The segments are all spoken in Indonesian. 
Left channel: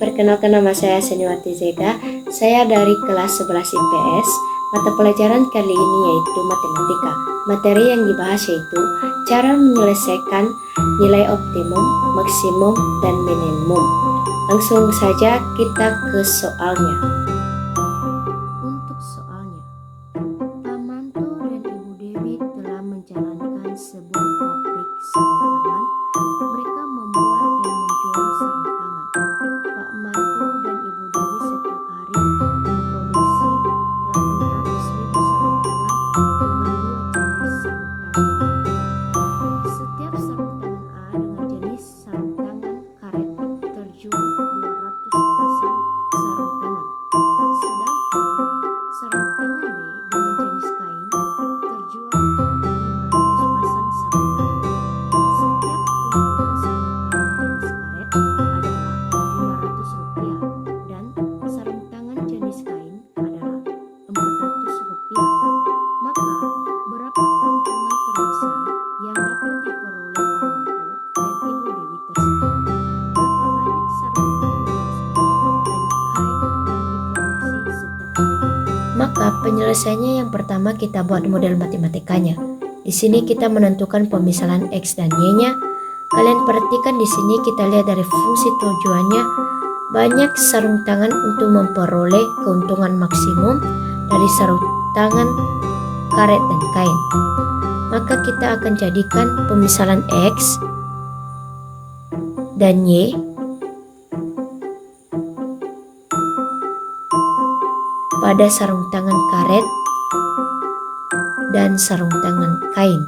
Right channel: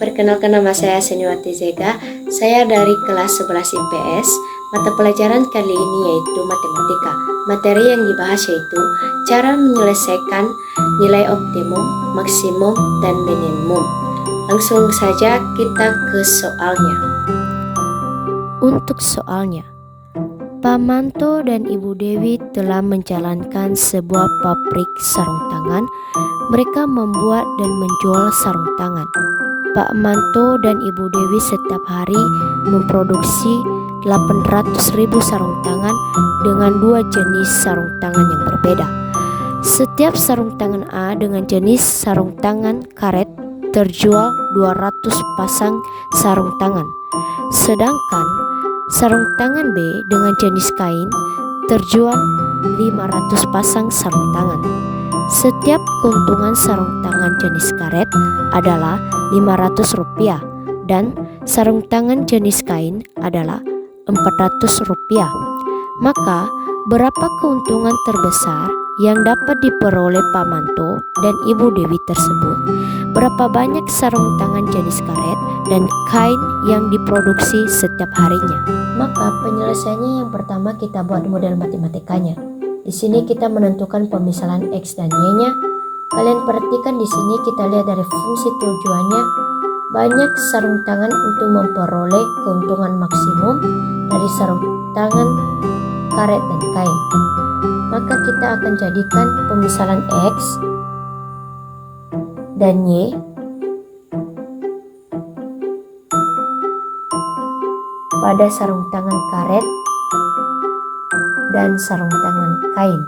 Perkenalkan, nama saya Seniwati Zega. Saya dari kelas 11 IPS. Mata pelajaran kali ini yaitu matematika. Materi yang dibahas yaitu cara menyelesaikan nilai optimum, maksimum, dan minimum. Langsung saja kita ke soalnya. Untuk soalnya, Pak Manto dan Ibu Dewi telah menjalankan sebuah pabrik sarung tangan. Mereka membuat dan menjual sarung tangan. Pak Manto dan Ibu Dewi setiap hari memproduksi 800.000 sarung tangan dengan dua jenis sarung tangan yang berbeda. Setiap sarung tangan A dengan jenis sarung tangan karet terjual 200 pasang sarung tangan. Sedangkan sarung tangan B dengan jenis kain terjual 500 pasang sarung tangan. Setiap keuntungan sarung tangan jenis karet adalah Rp500 dan sarung tangan jenis kain adalah Rp400. Maka berapa keuntungan terbesar yang dapat diperoleh Pak Manto dan Ibu Dewi tersebut? Berapa banyak sarung tangan jenis karet dan kain yang diproduksi setiap harinya? Maka penyelesaiannya yang pertama kita buat model matematikanya. Di sini kita menentukan pemisalan X dan Y-nya. Kalian perhatikan di sini kita lihat dari fungsi tujuannya. Banyak sarung tangan untuk memperoleh keuntungan maksimum dari sarung tangan karet dan kain. Maka kita akan jadikan pemisalan X dan Y pada sarung tangan karet dan sarung tangan kain.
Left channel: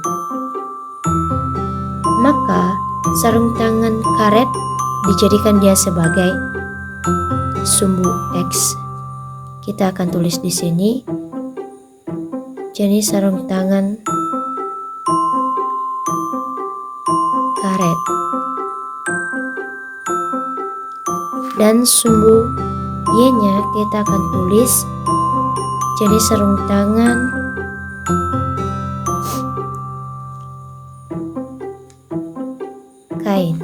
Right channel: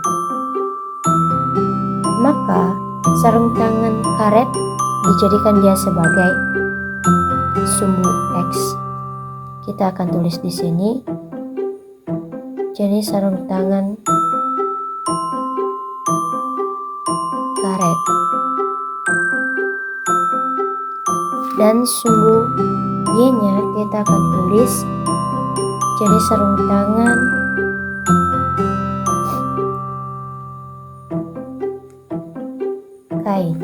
Maka sarung tangan karet dijadikan dia sebagai sumbu X. Kita akan tulis di sini jenis sarung tangan karet dan sumbu Y-nya kita akan tulis jenis sarung tangan kain.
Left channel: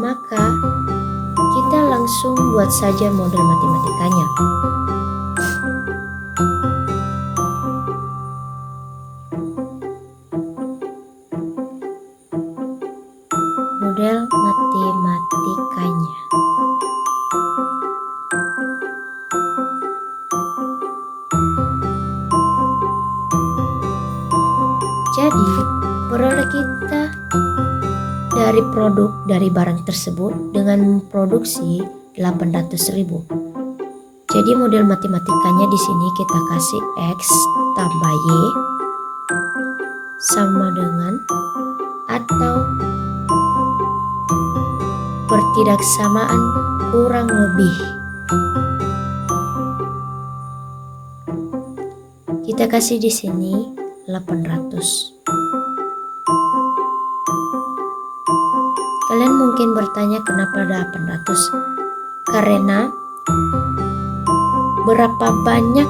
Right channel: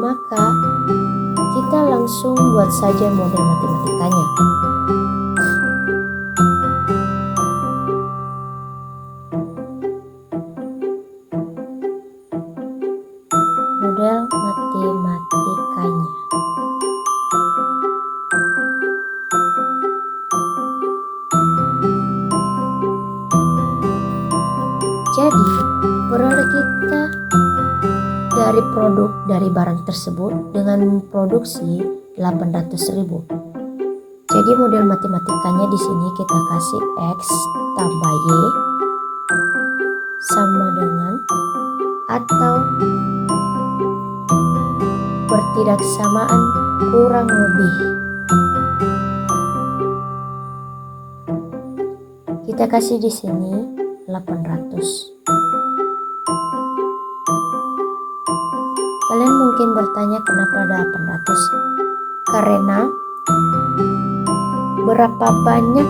Maka kita langsung buat saja model matematikanya. Model matematikanya. Jadi, peroleh kita dari produk dari barang tersebut dengan memproduksi 800.000. Jadi model matematikanya di sini kita kasih X tambah Y sama dengan atau pertidaksamaan kurang lebih. Kita kasih di sini 800. Kalian mungkin bertanya kenapa ada 800? Karena berapa banyak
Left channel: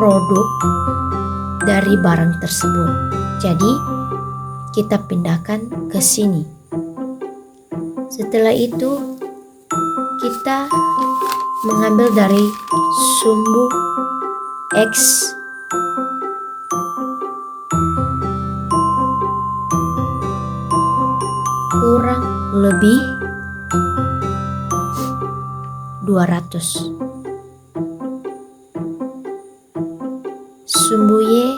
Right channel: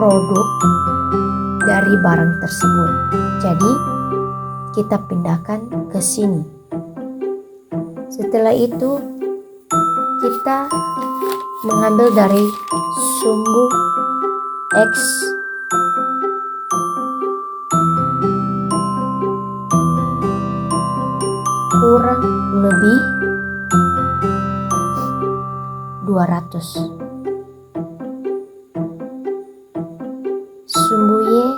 produk dari barang tersebut. Jadi kita pindahkan ke sini. Setelah itu kita mengambil dari sumbu X kurang lebih 200. Sumbu Y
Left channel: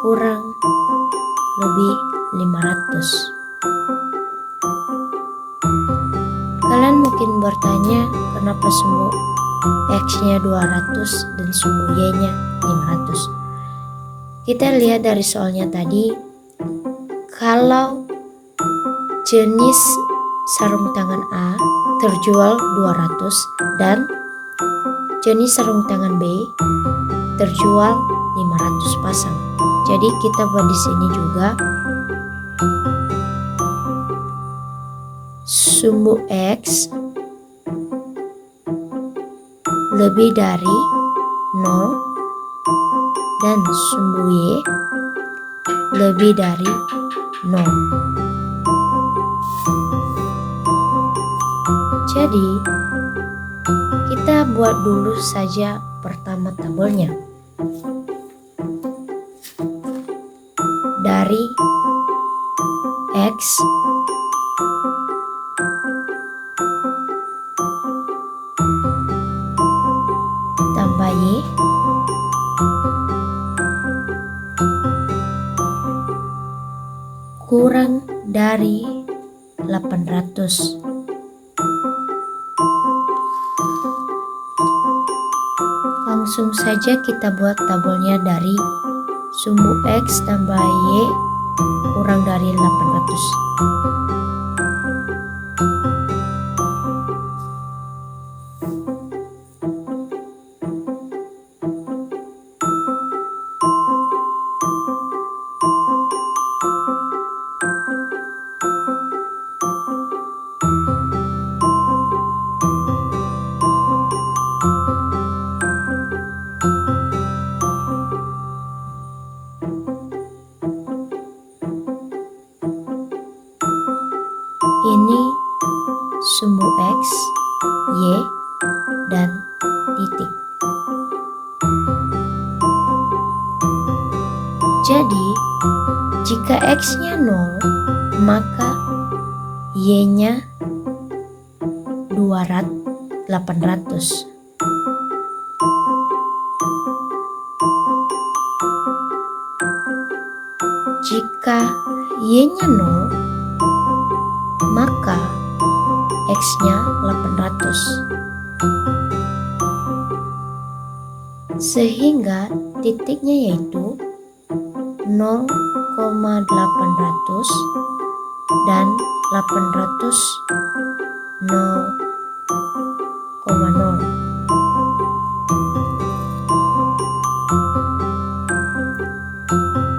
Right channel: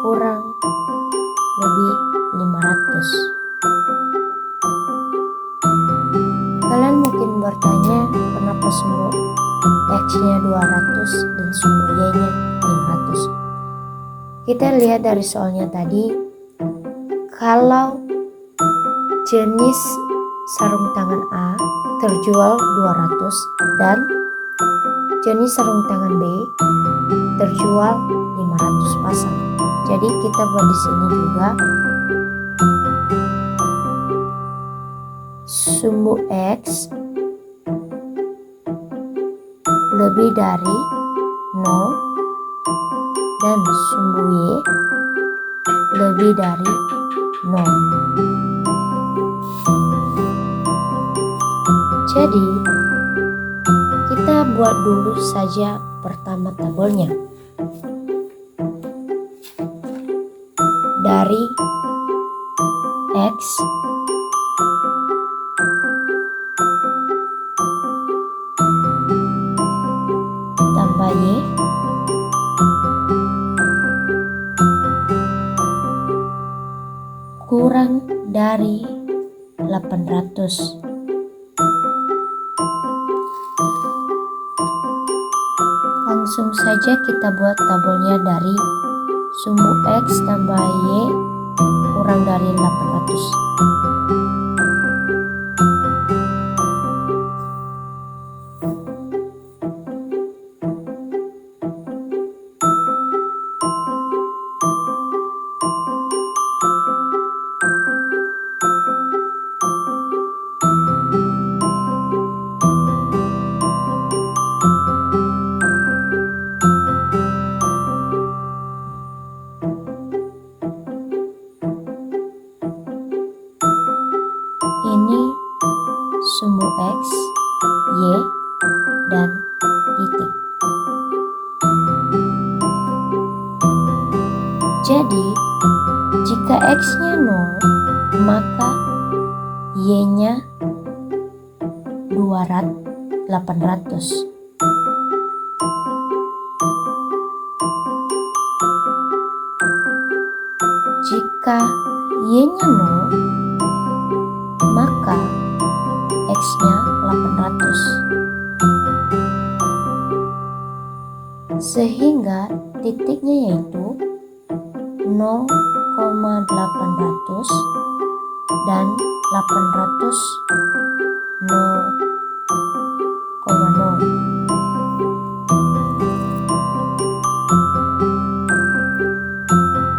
kurang lebih 500. Kalian mungkin bertanya kenapa sumbu X-nya 200 dan sumbu Y-nya 500. Kita lihat dari soalnya tadi, kalau jenis sarung tangan A terjual 200 dan jenis sarung tangan B terjual 500 pasang. Jadi kita buat di sini juga sumbu X lebih dari 0 dan sumbu Y lebih dari 0. Jadi, kita buat dulu saja pertama tabelnya. Dari X tambah Y kurang dari 800. Langsung saja kita buat tabelnya dari sumbu X tambah Y kurang dari 800. Ini sumbu X, Y, dan titik. Jadi, jika X-nya 0, maka Y-nya 800. Jika Y-nya 0, maka X-nya 800. Sehingga titiknya yaitu 0,800 dan 800 0,0.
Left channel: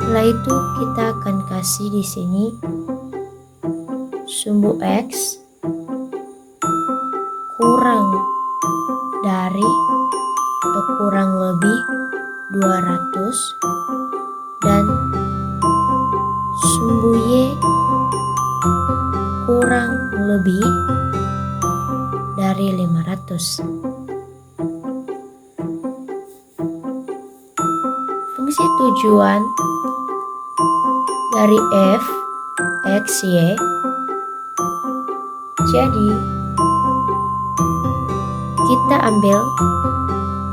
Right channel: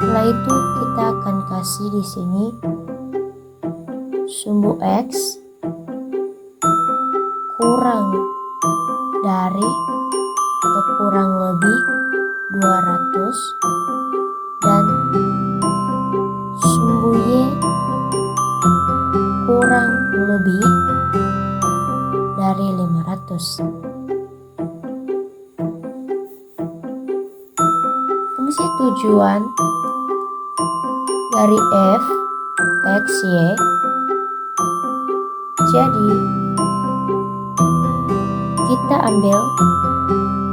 Setelah itu kita akan kasih di sini sumbu X kurang dari atau kurang lebih 200 dan sumbu Y kurang lebih dari 500. Fungsi tujuan dari f x y. Jadi kita ambil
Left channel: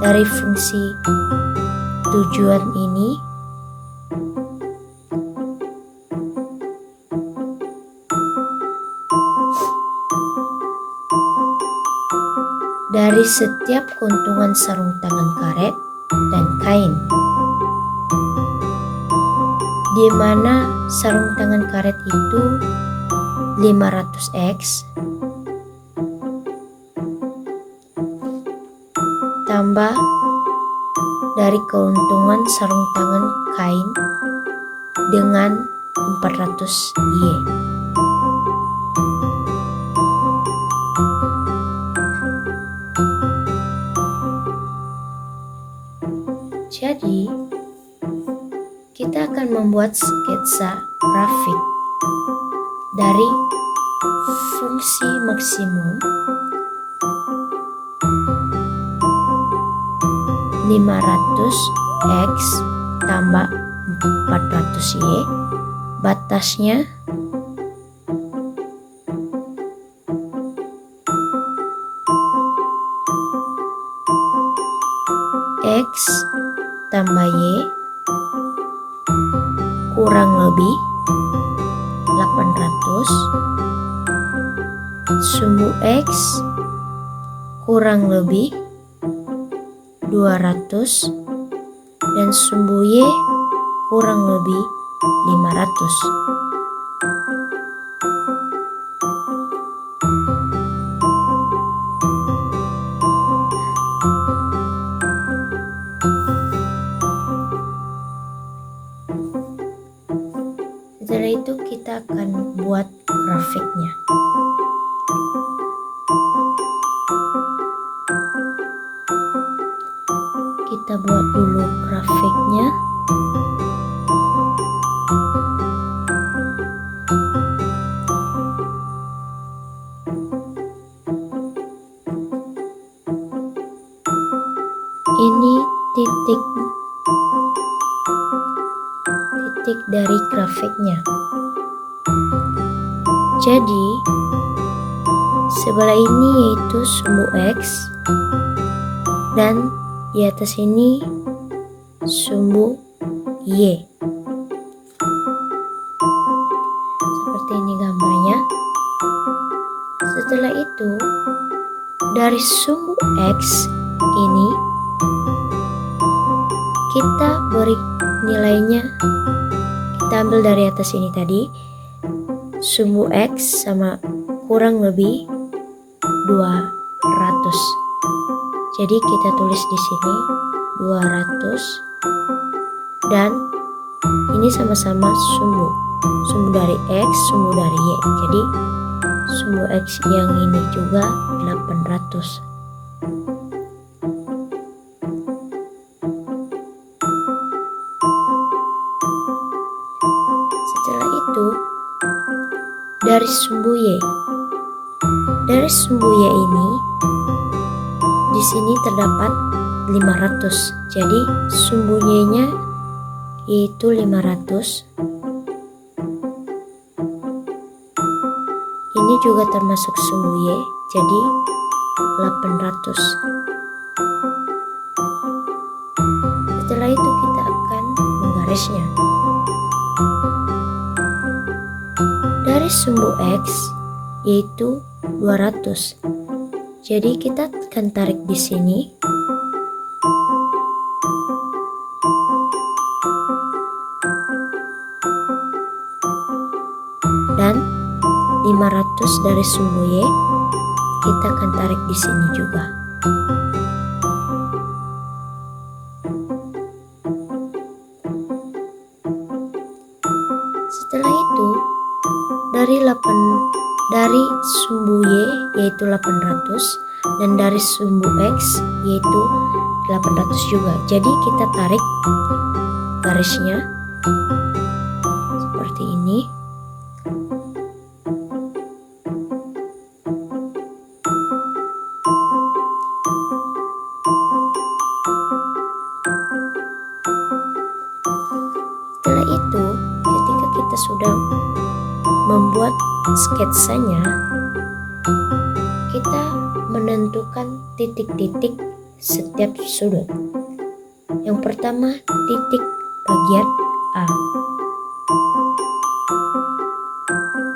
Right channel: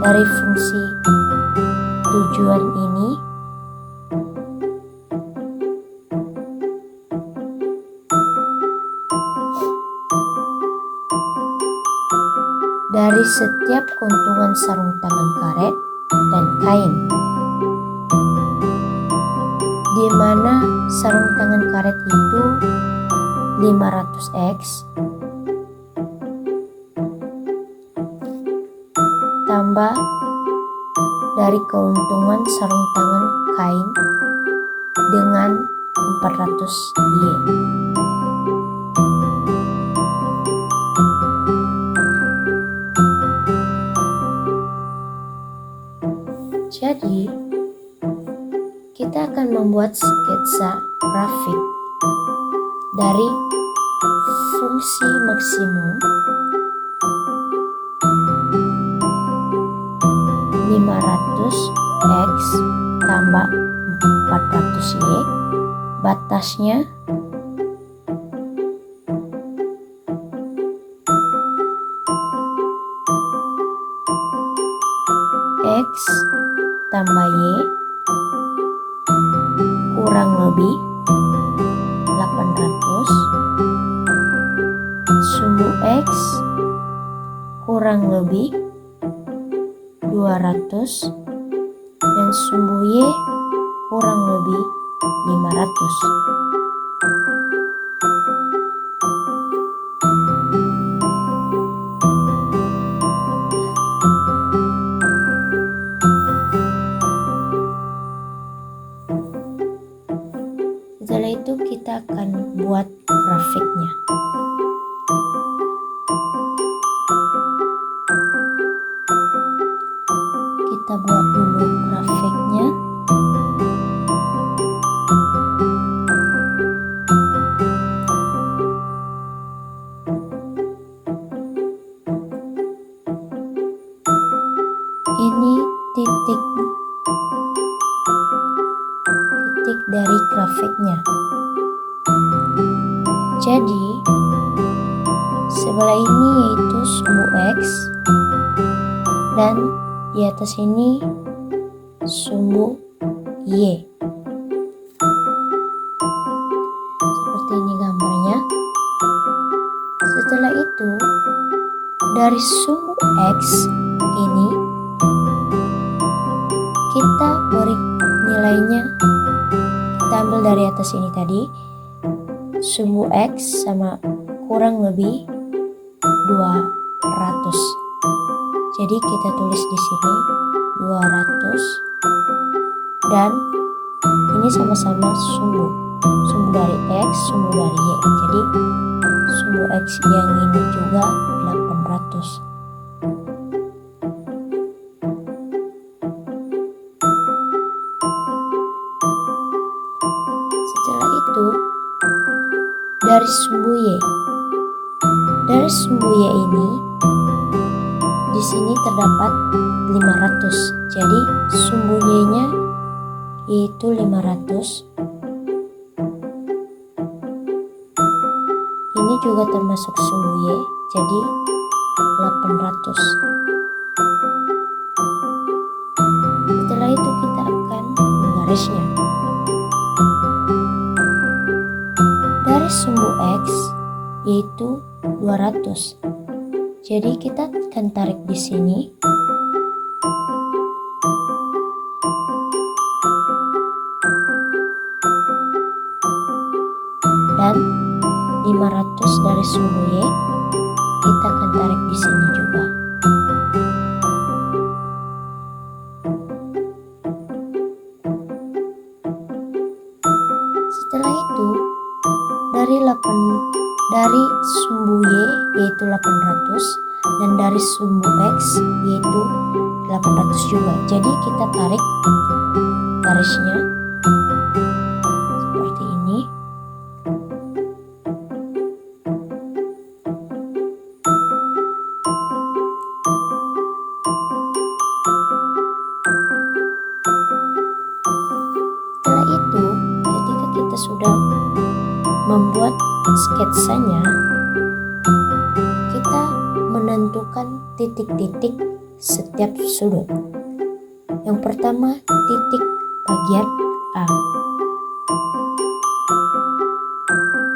dari fungsi tujuan ini dari setiap keuntungan sarung tangan karet dan kain, di mana sarung tangan karet itu 500X tambah dari keuntungan sarung tangan kain dengan 400Y. Jadi, kita akan membuat sketsa grafik dari fungsi maksimum 500X tambah 400Y, batasnya X tambah Y kurang lebih 800, sumbu X kurang lebih 200 dan sumbu Y kurang lebih 500. Setelah itu kita akan buat grafiknya. Kita kita buat dulu grafiknya. Ini titik dari grafiknya. Jadi sebelah ini yaitu sumbu X dan di atas ini sumbu Y. Seperti ini gambarnya. Setelah itu dari sumbu X ini kita beri nilainya, kita ambil dari atas ini tadi, sumbu X sama kurang lebih 200. Jadi kita tulis di sini 200 dan ini sama-sama sumbu dari X, sumbu dari Y. Jadi sumbu X yang ini juga 800. Setelah itu dari sumbu Y. Dari sumbu Y ini di sini terdapat 500. Jadi sumbu Y-nya yaitu 500. Ini juga termasuk sumbu Y, jadi 800. Setelah itu kita akan menggarisnya. Dari sumbu X yaitu 200. Jadi kita akan tarik di sini. Dan 500 dari sumbu Y kita akan tarik di sini juga. Setelah itu dari sumbu Y yaitu 800 dan dari sumbu X yaitu 800 juga. Jadi kita tarik garisnya seperti ini. Setelah itu, ketika kita sudah membuat sketsanya, kita menentukan titik-titik setiap sudut. Yang pertama, titik bagian A.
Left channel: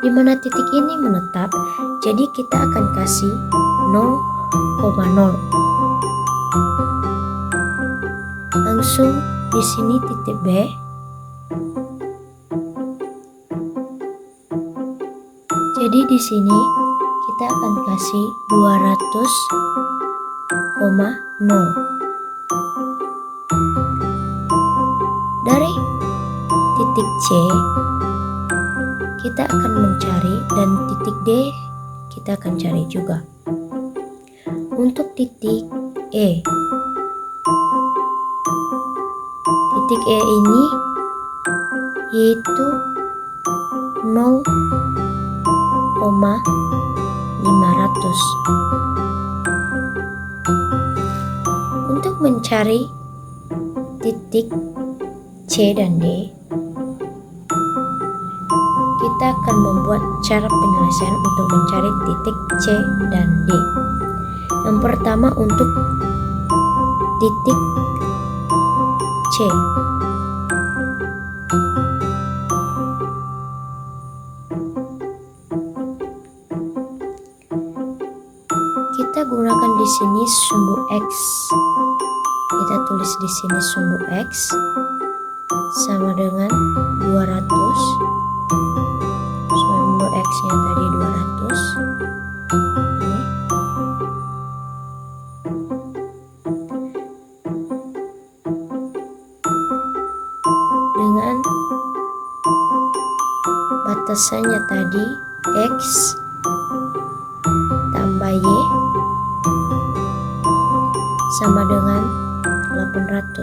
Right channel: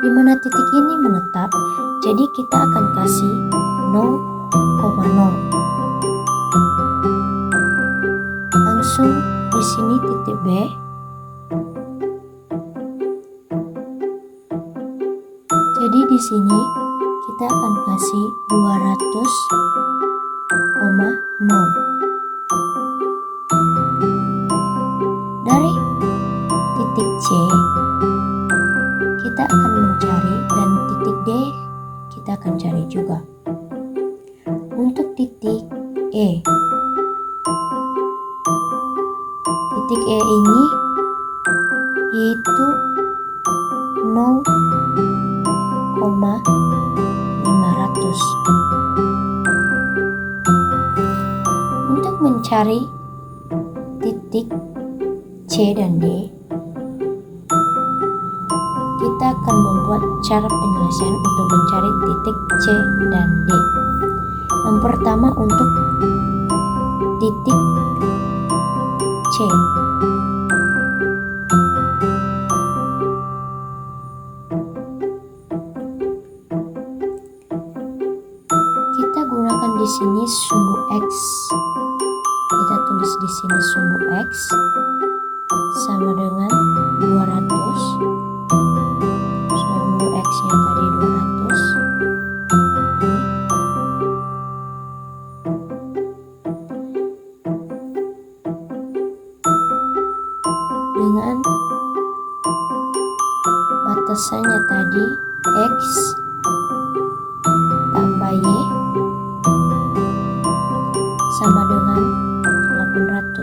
Di mana titik ini menetap, jadi kita akan kasih 0,0. Langsung di sini titik B. Jadi di sini kita akan kasih 200,0. Dari titik C kita akan mencari dan titik D kita akan cari juga. Untuk titik E. Titik E ini yaitu 0,500. Untuk mencari titik C dan D, kita akan membuat cara penyelesaian untuk mencari titik C dan D. Yang pertama untuk titik C. Kita gunakan di sini sumbu X. Kita tulis di sini sumbu X sama dengan 200. Sumbu X-nya tadi 200. Dengan batasannya tadi X tambah Y sama dengan 800.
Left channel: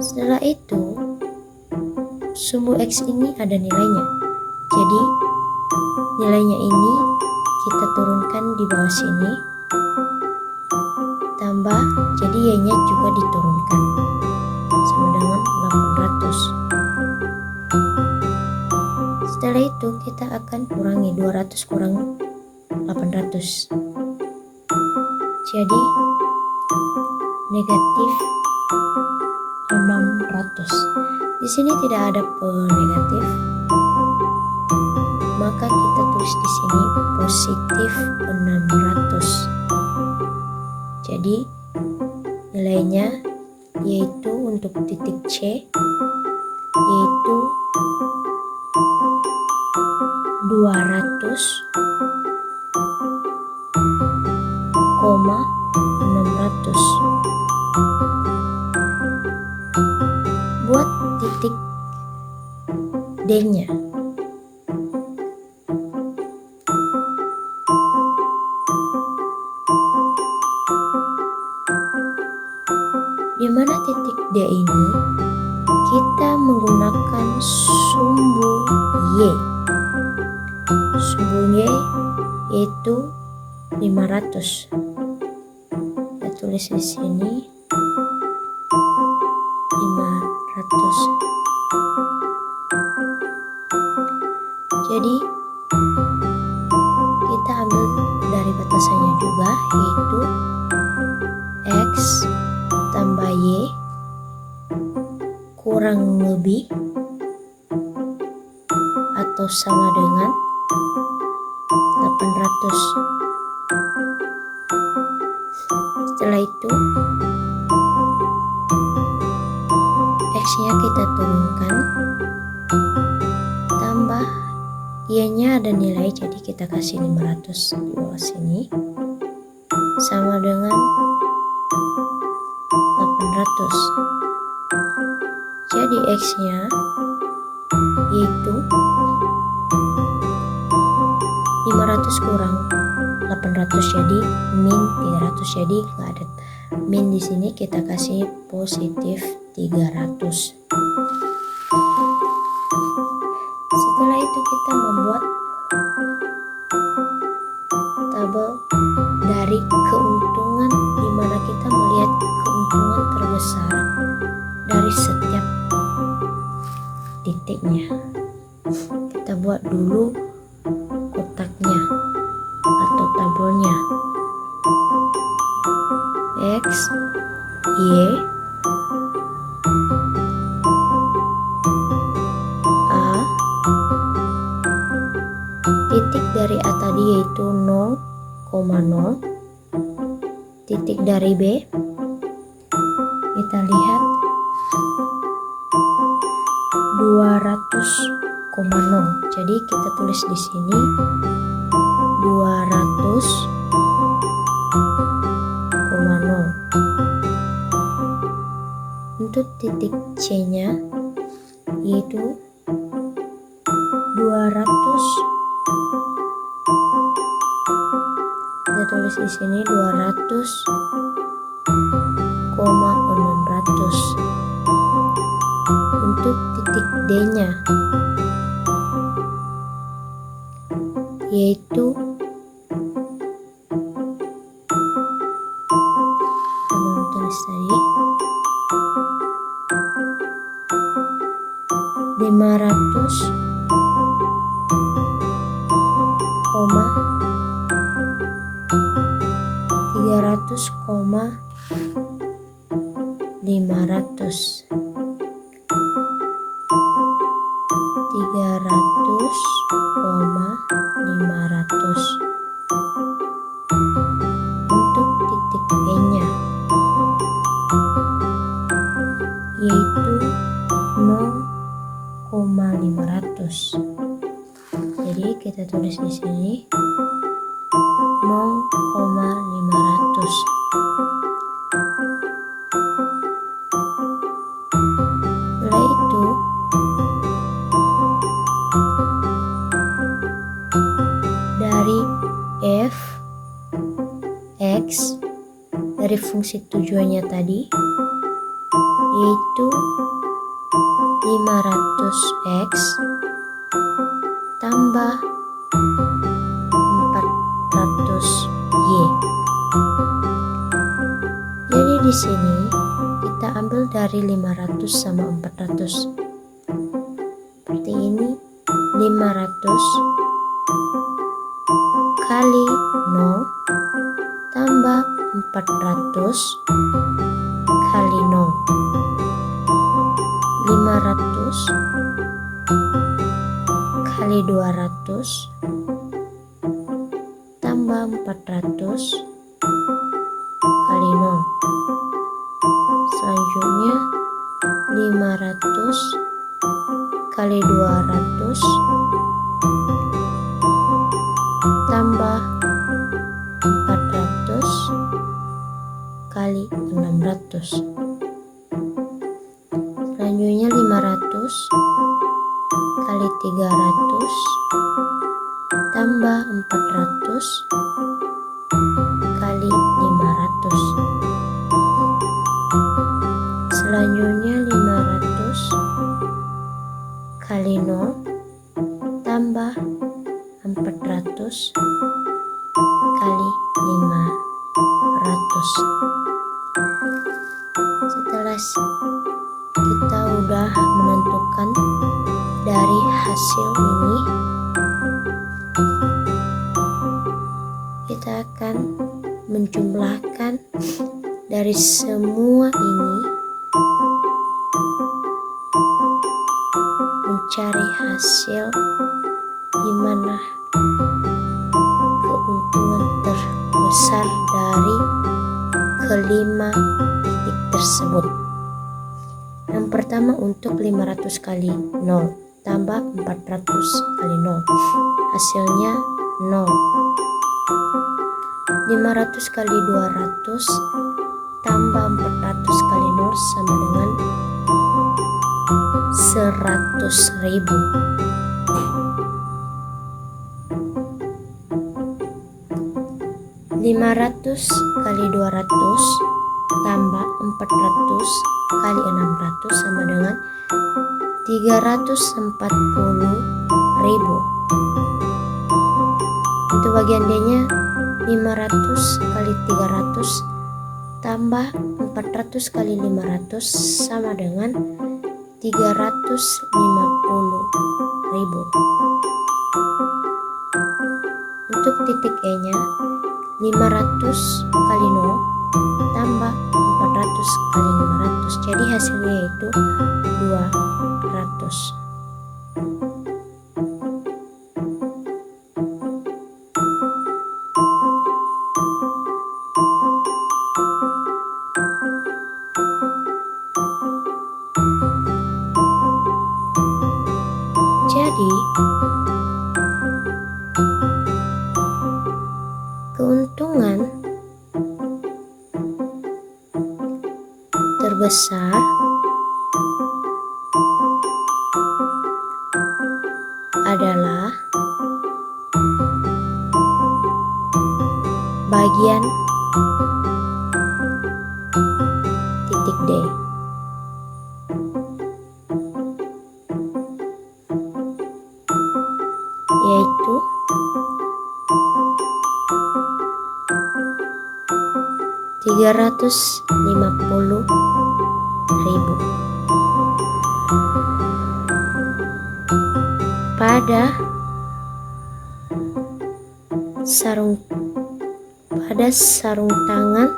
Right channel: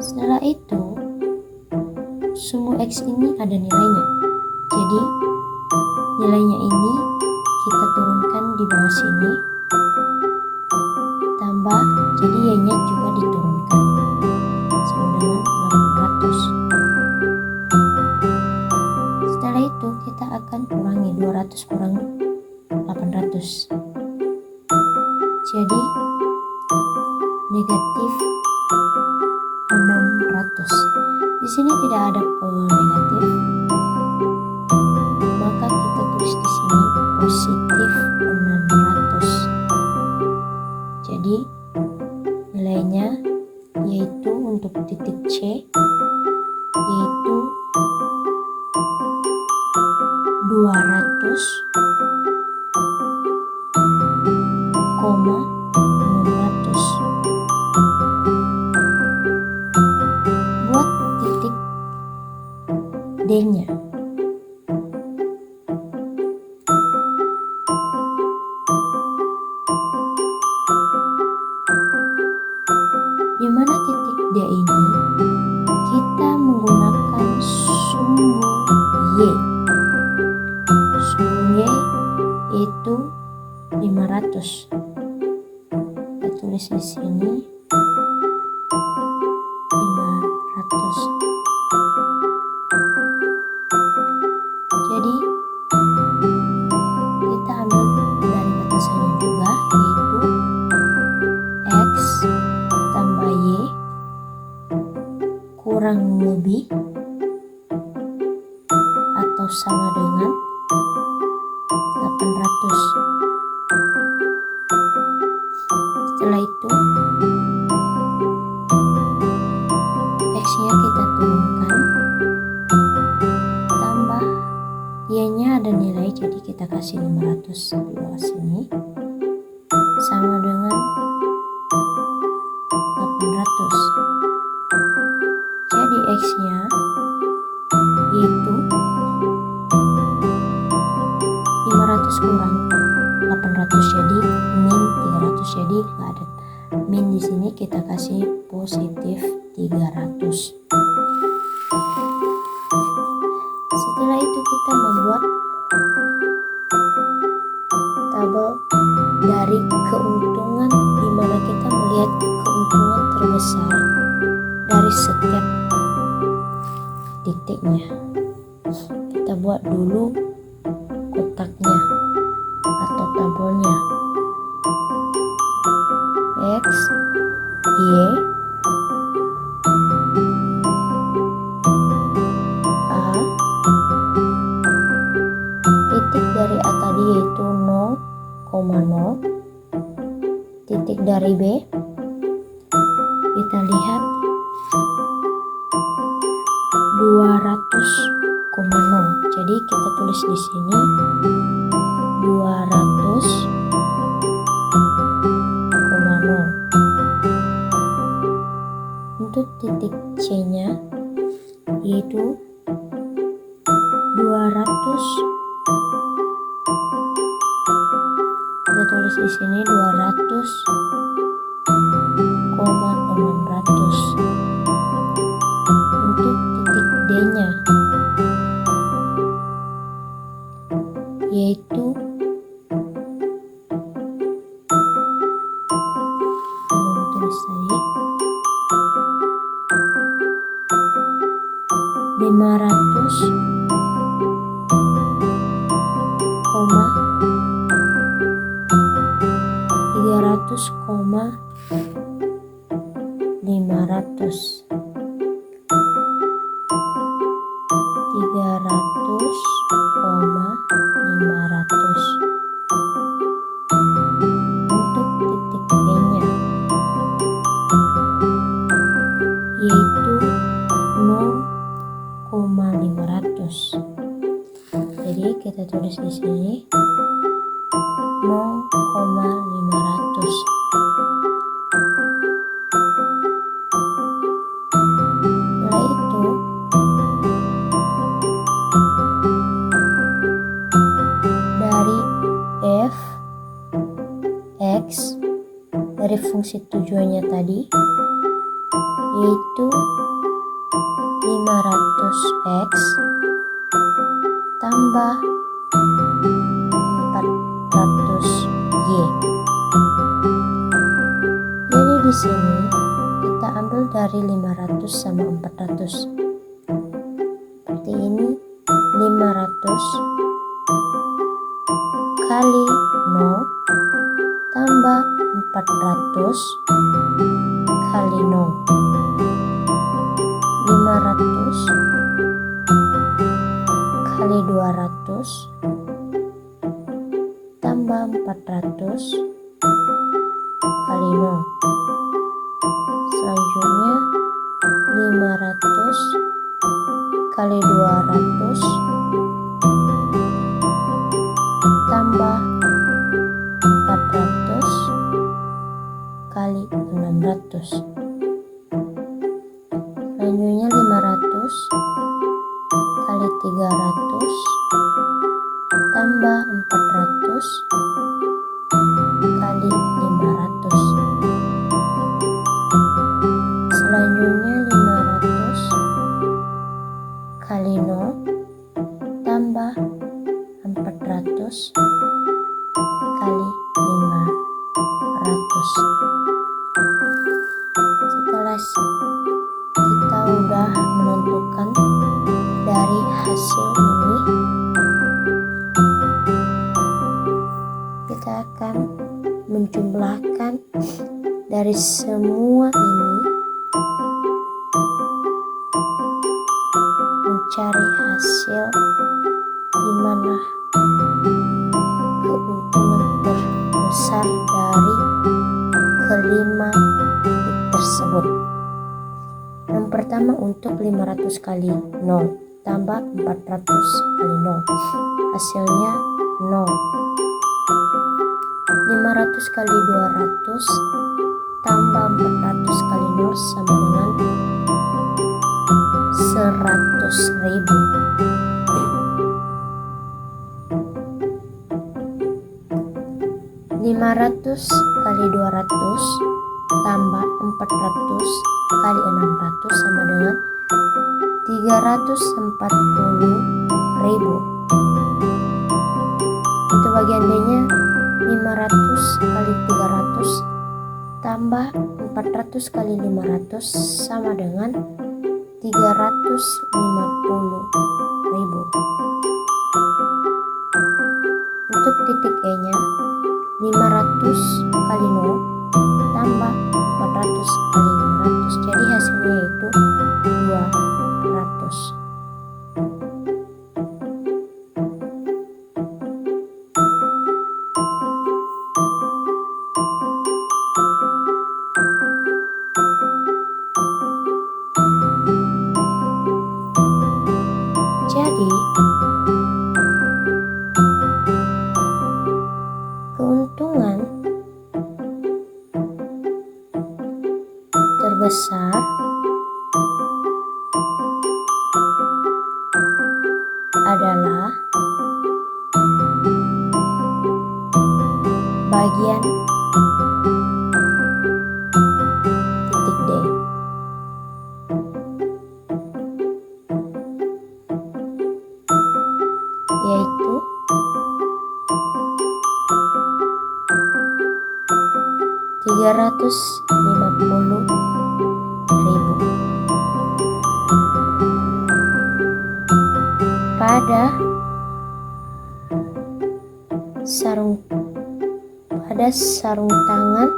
Setelah itu sumbu X ini ada nilainya, jadi nilainya ini kita turunkan di bawah sini, tambah, jadi Y-nya juga diturunkan sama dengan 800. Setelah itu kita akan kurangi 200 kurang 800, jadi negatif 600. Di sini tidak ada negatif, maka kita tulis di sini positif 600. Jadi nilainya yaitu untuk titik C yaitu 200,600. Buat titik D-nya. Di mana titik D ini kita menggunakan sumbu Y. Sumbu Y yaitu 500. Kita tulis di sini 500. Jadi kita ambil dari batasannya juga, yaitu X tambah Y kurang lebih atau sama dengan 800. Setelah itu X-nya kita turunkan, tambah Y-nya ada nilai, jadi kita kasih 500 di bawah sini, sama dengan 800. Jadi X-nya yaitu 500 kurang 800, jadi min 300. Jadi nggak ada min di sini, kita kasih positif 300. Setelah itu kita membuat tabel dari keuntungan, di mana kita melihat keuntungan terbesar dari setiap titiknya. Kita buat dulu kotaknya atau tabelnya. X, Y, A, titik dari A tadi yaitu 0,0, titik dari B kita lihat 200,0. Jadi kita tulis di sini 200,0. Untuk titik C-nya yaitu 200. Kita tulis di sini 200,600. Untuk titik D-nya yaitu 300,500. Untuk titik E-nya yaitu 0,500. Jadi kita tulis di sini 0,500. Setelah itu dari F, X, dari dari fungsi tujuannya tadi, yaitu 500x tambah 400y. Jadi di sini kita ambil dari 500 sama 400. Seperti ini, 500 kali 0 tambah 400 kali 0. 500 kali 200 tambah 400 kali 0. Selanjutnya 500 kali 200 tambah 400 kali 600. Selanjutnya 500 kali 300 tambah 400 kali 500. Selanjutnya 500 kali 0 tambah 400 kali 500. Setelah kita udah menentukan dari hasil ini, kita akan menjumlahkan dari semua ini, mencari hasil di mana keuntungan terbesar dari kelima titik tersebut. Yang pertama untuk 500 kali 0 tambah 400 kali 0, hasilnya 0. 500 kali 200 tambah 400 kali 0 sama dengan 100.000. 500 kali 200 tambah 400 kali 600 sama dengan 340.000. Untuk bagian D nya 500 kali 300 tambah 400 kali 500 sama dengan 350.000. Untuk titik E nya 500 kali 0 tambah 400 kali 500, jadi hasilnya yaitu 200. Jadi keuntungan terbesar adalah bagian titik D, yaitu 350.000 pada sarung tangan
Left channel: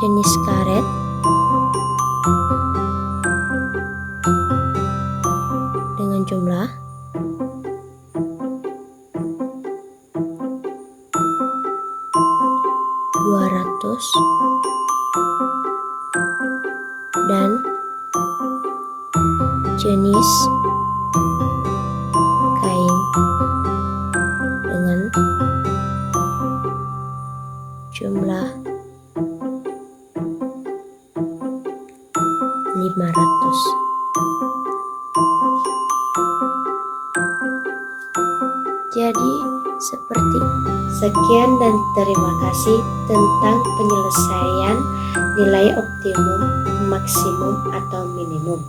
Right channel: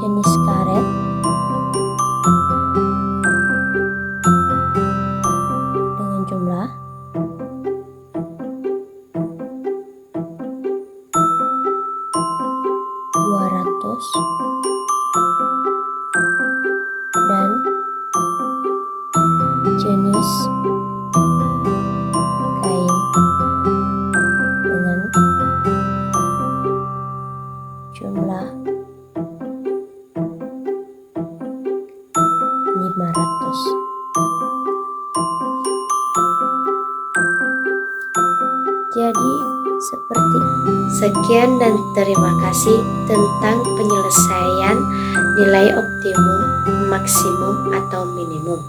jenis karet dengan jumlah 200 dan jenis kain dengan jumlah 500. Jadi seperti sekian dan terima kasih tentang penyelesaian nilai optimum, maksimum, atau minimum.